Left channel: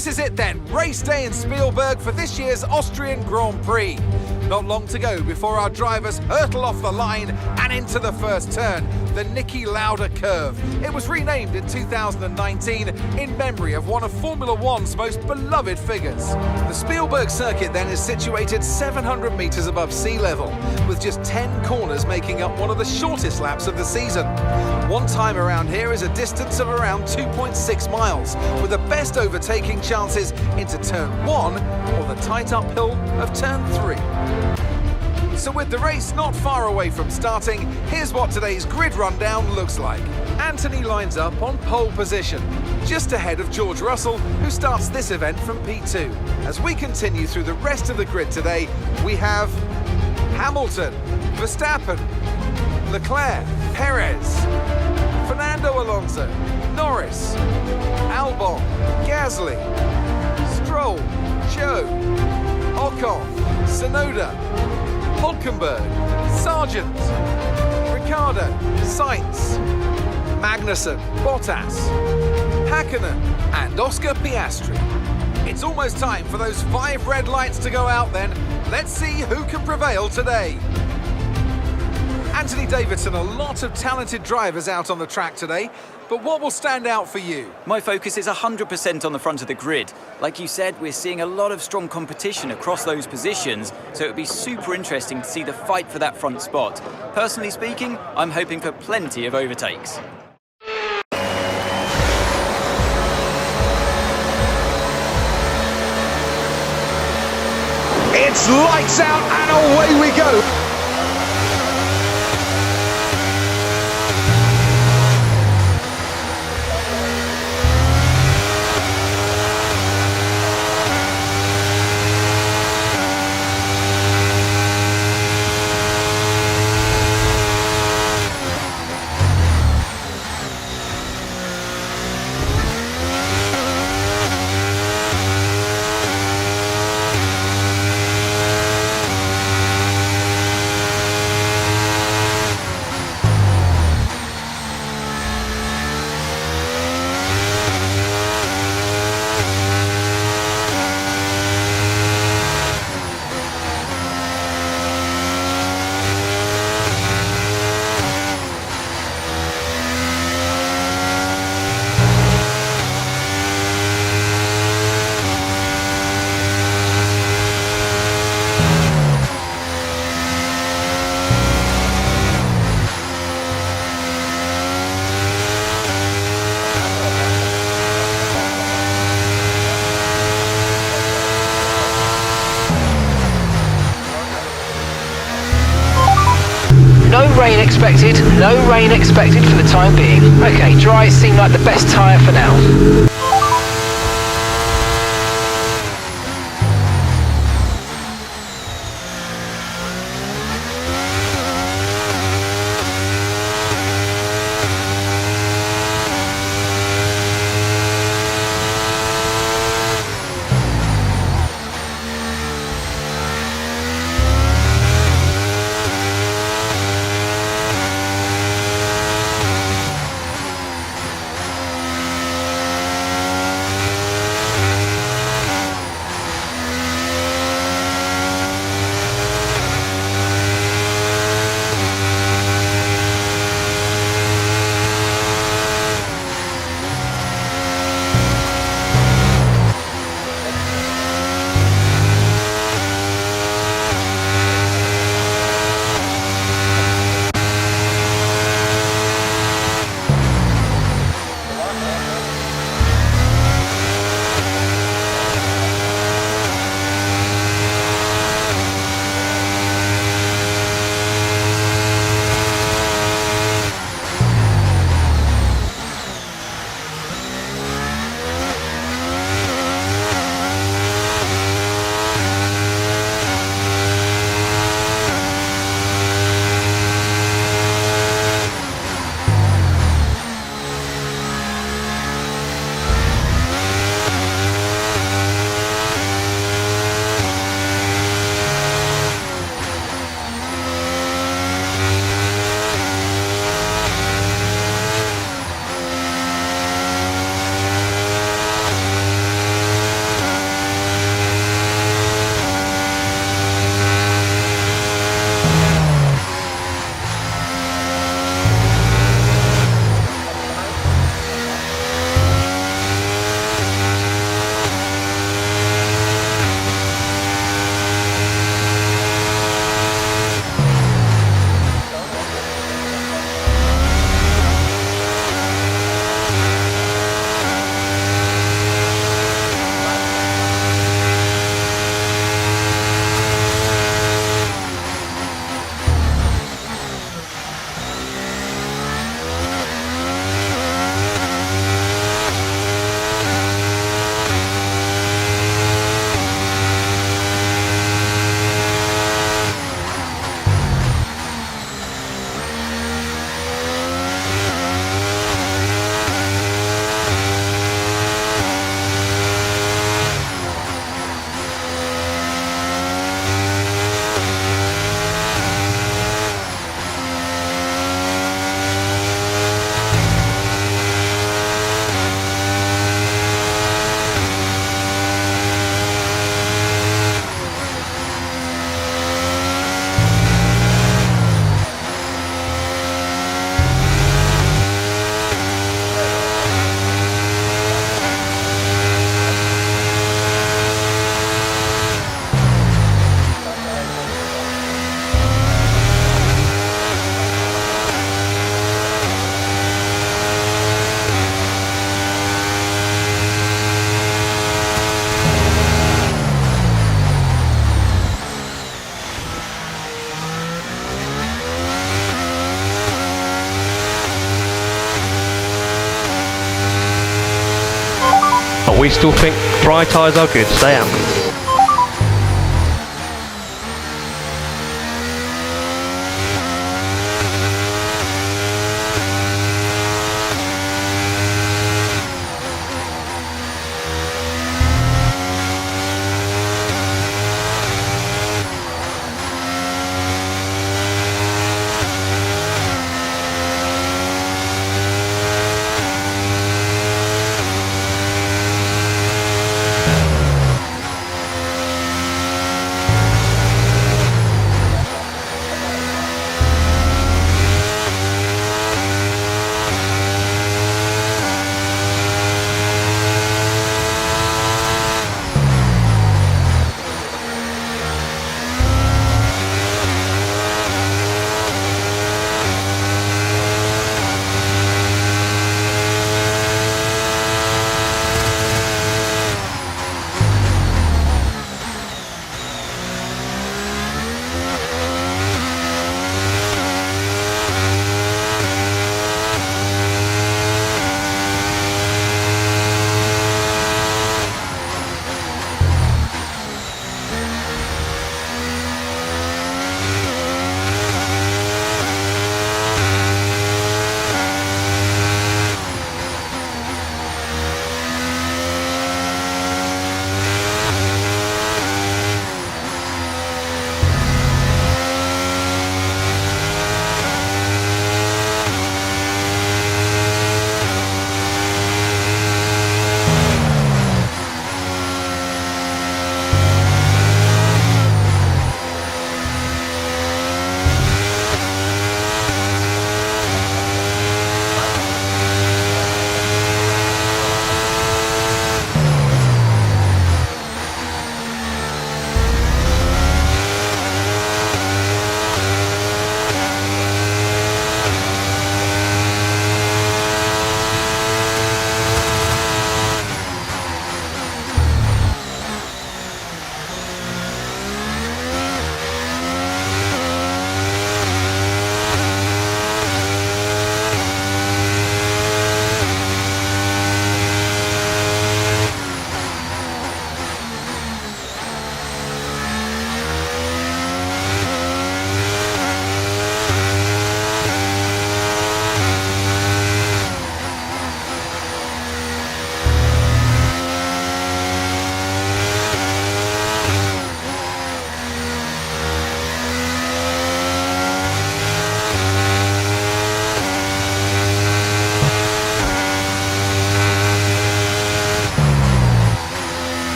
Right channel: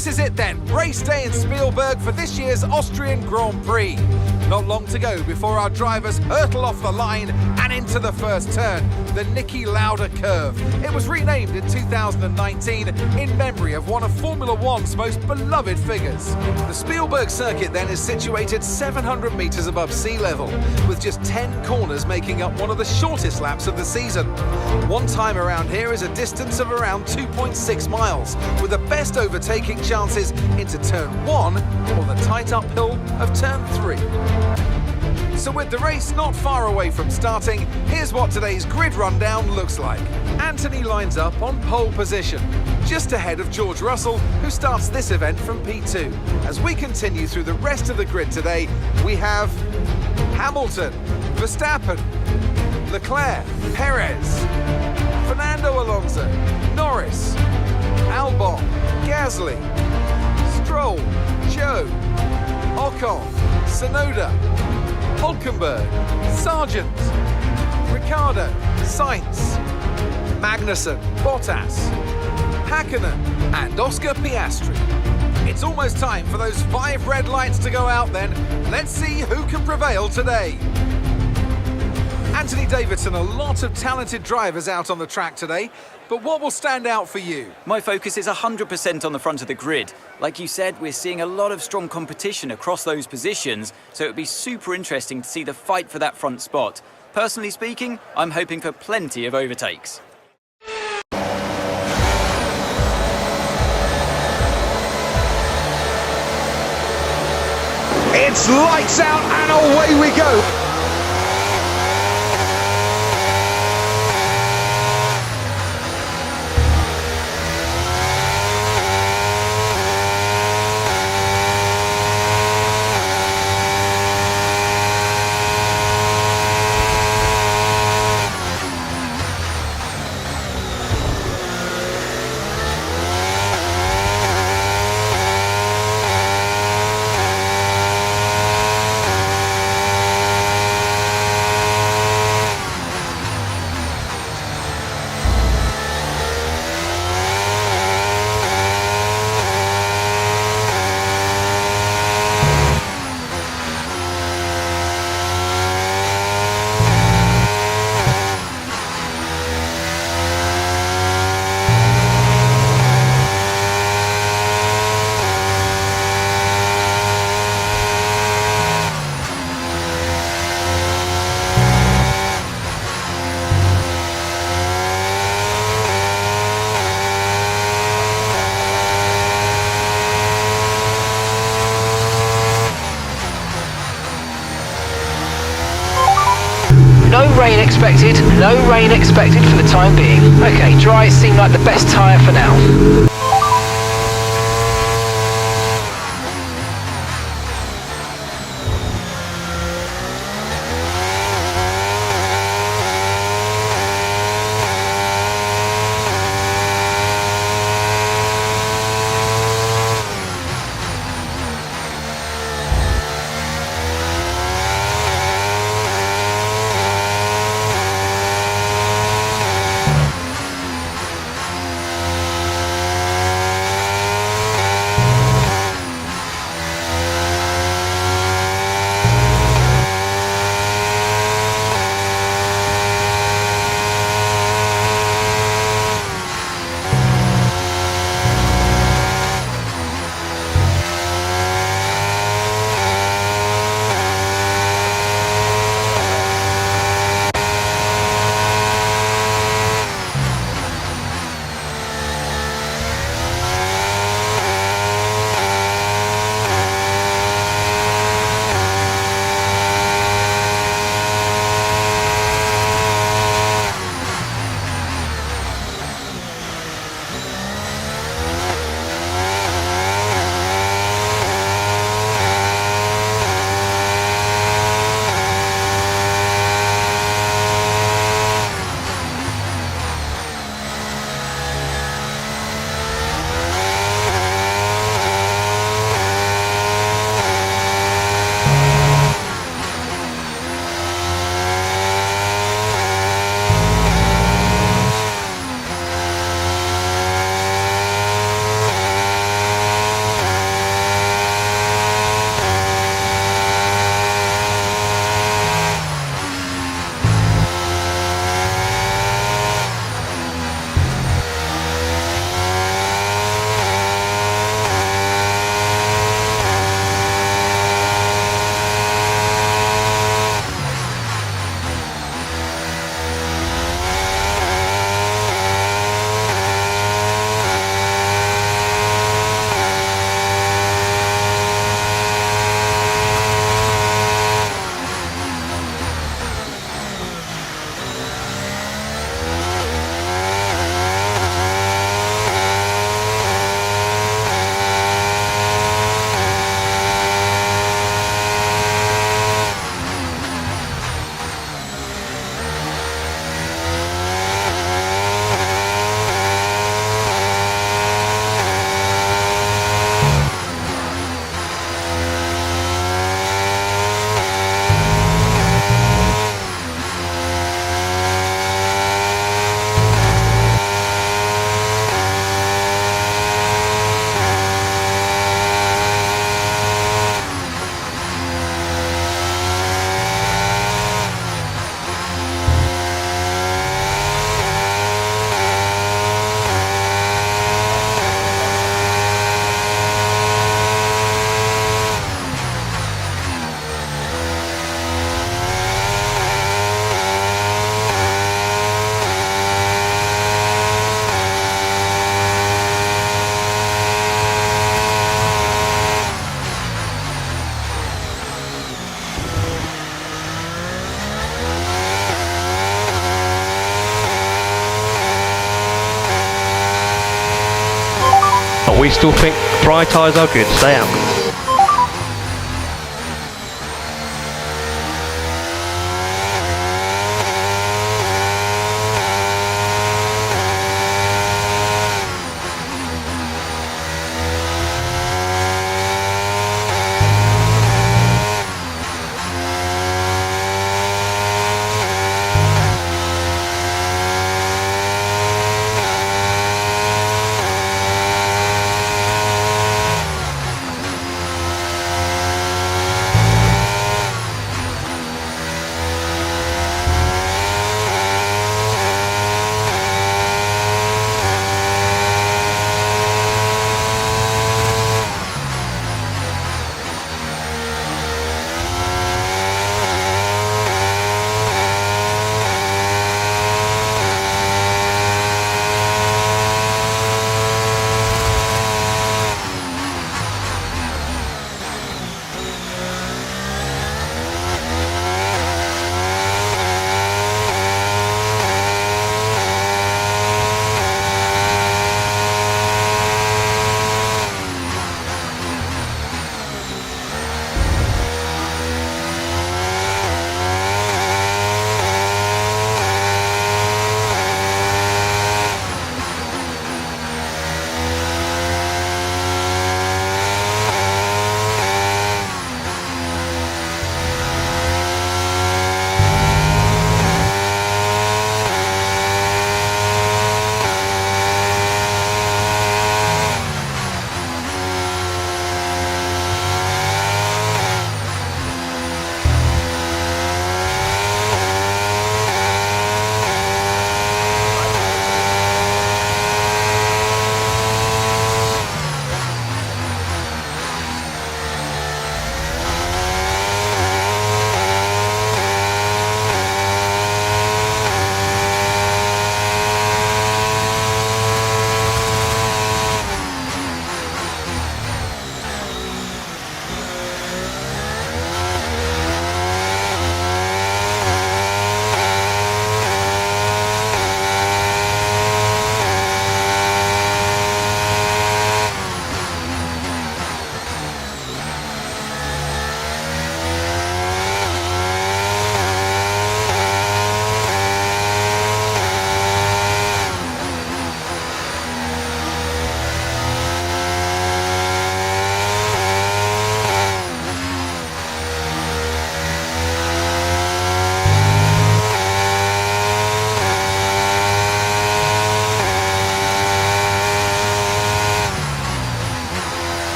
This is it then, race day in Spielberg for this year's Austrian Grand Prix. Not long to go before our drivers hurtle off the line and into the first turn, the Niki Lauda curve. It was renamed in 2019 in memory of one of Formula One's most beloved figures. The Spielberg circuit then is situated 700 metres above sea level, with just 10 corners making up one of the shortest laps of the season. One time around here is a distance of around 2.6 miles, with the best overtaking chances into turn 1 or the tight uphill of turn 3. So with the race not far away from starting, here's what today's grid rundown looks like. Anthony lines up on pole position, just ahead of George Russell, who starts this event from P2. As we continue through the rest of the grid today, we have Hamilton, Verstappen, Leclerc, Perez, Fernando Alonso, Norris, Albon, Gasly, Stroll, Zhou, Ocon, Tsunoda, Hulkenberg, Sargent, Ricciardo, Sainz, Magnussen, Bottas, Hakkinen and Oscar Piastri. It's almost time for those 5 red lights to go out then. Let's see who can prevail today. Anthony Davidson, a lot of talented drivers out on the track today, but what will stand out for you? My focus is 100% on the front of the grid. Like you said, we're seeing a lot of strong competition across those positions, so it would be super interesting to see the fight for that front spot. Personally speaking, I'm hoping for plenty of overtakes. It's lights out and away we go. No rain expected for the time being. Okay, dries seem like the best tyre for now. but we still think dry tyres are good. Stay out.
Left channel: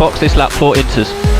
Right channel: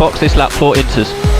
Box this lap 4 inters.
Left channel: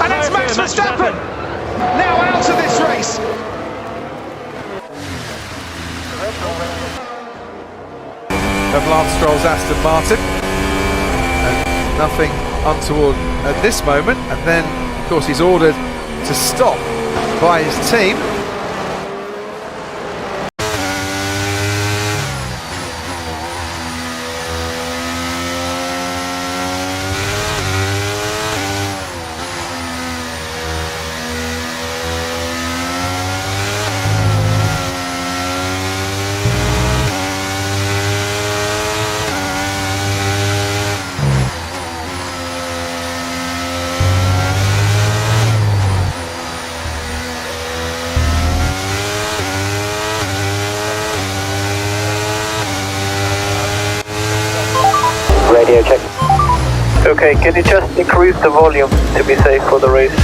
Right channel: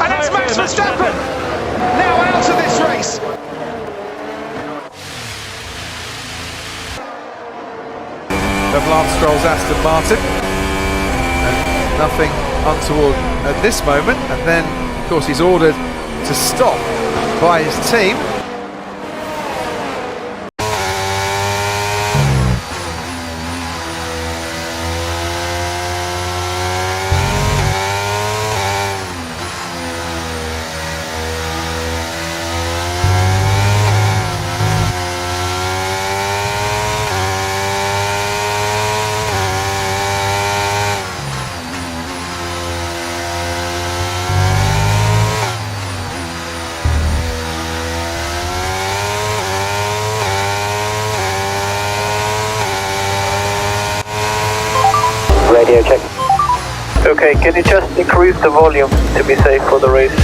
And it's Max Verstappen now out of this race. Of Lance Stroll's Aston Martin, and nothing untoward at this moment, and then of course he's ordered to stop by his team. Radio check. Okay, can you just increase the volume to be safe for the race?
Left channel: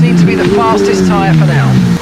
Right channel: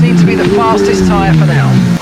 Seem to be the fastest tyre for now.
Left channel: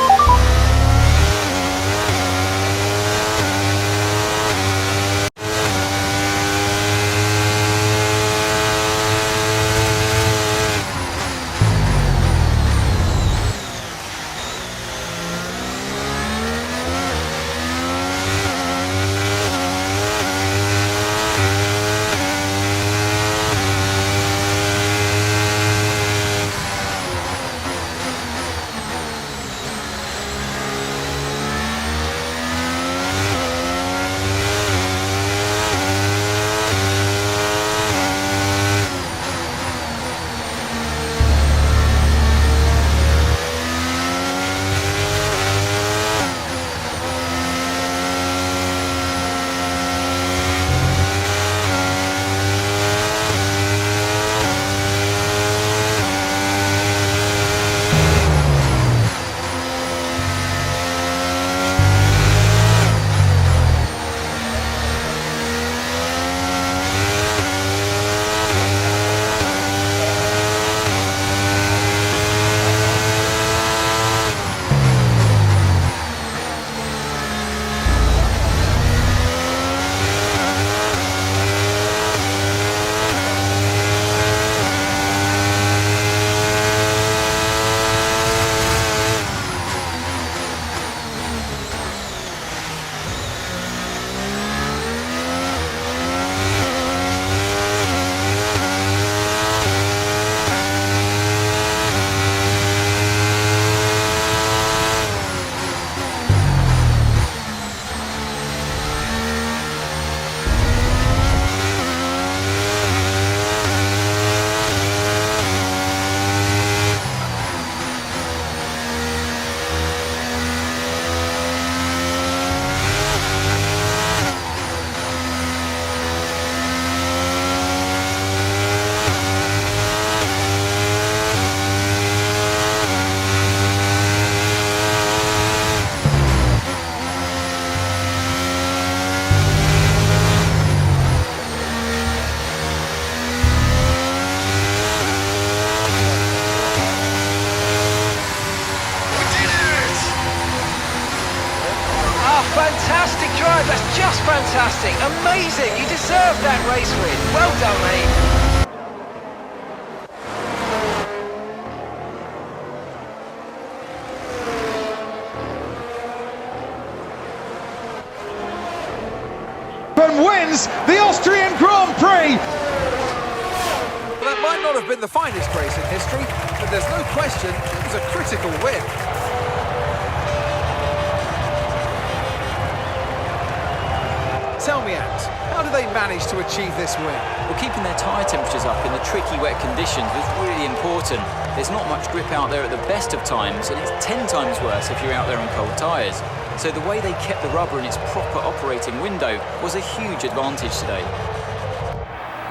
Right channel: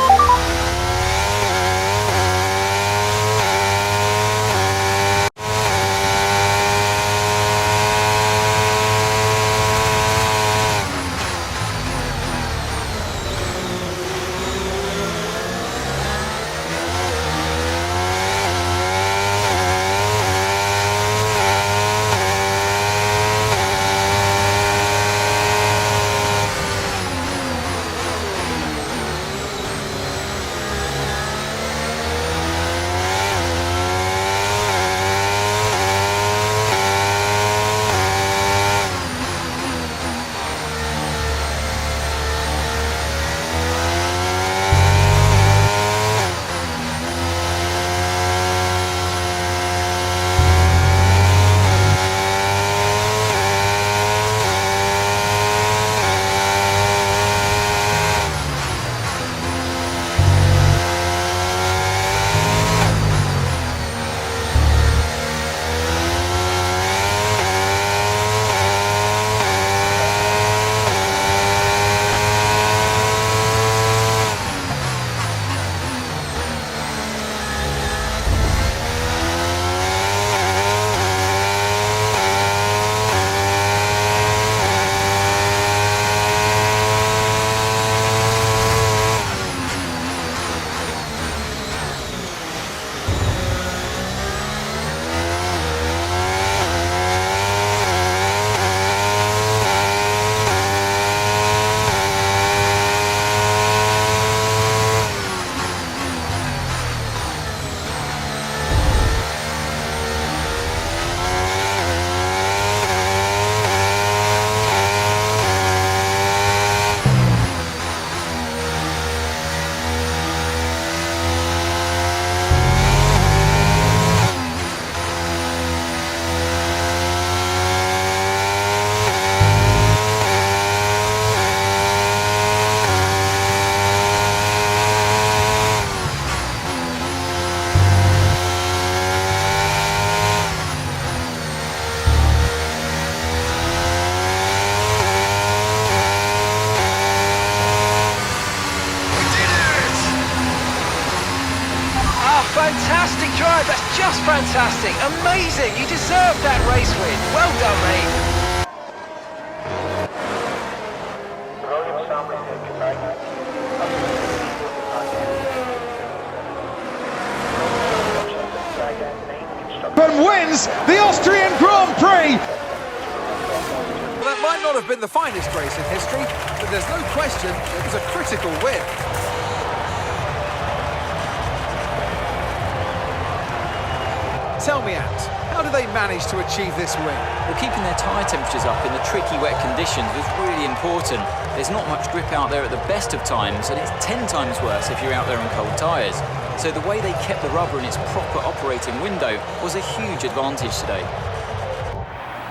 Fantastic drive, that's just fantastic. Amazing, you deserve that race win. Well done, mate. And wins the Austrian Grand Prix. Well, that might not have been the finest race in history, but there's no question it was a critical win. Tell me, Ant, how did they manage to achieve this win? Well, keeping their tyre temperatures up in the tricky wet conditions was really important. There's not much grip out there at the best of times, and it's 10 times worse if you're out there on cold tyres. So the way they kept the rubber in its proper operating window was a huge advantage today.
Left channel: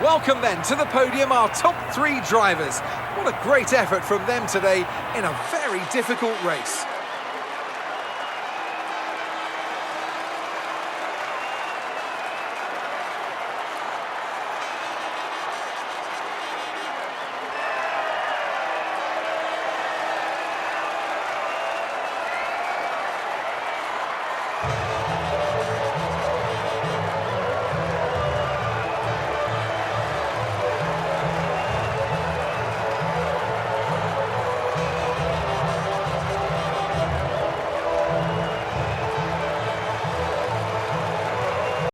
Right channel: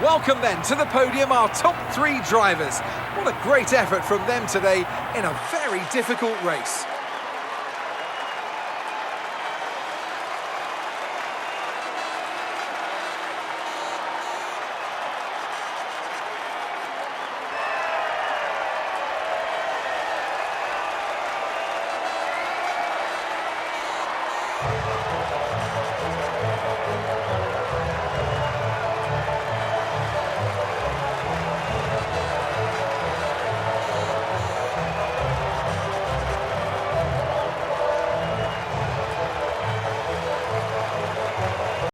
Welcome then to the podium, our top 3 drivers. What a great effort from them today in a very difficult race.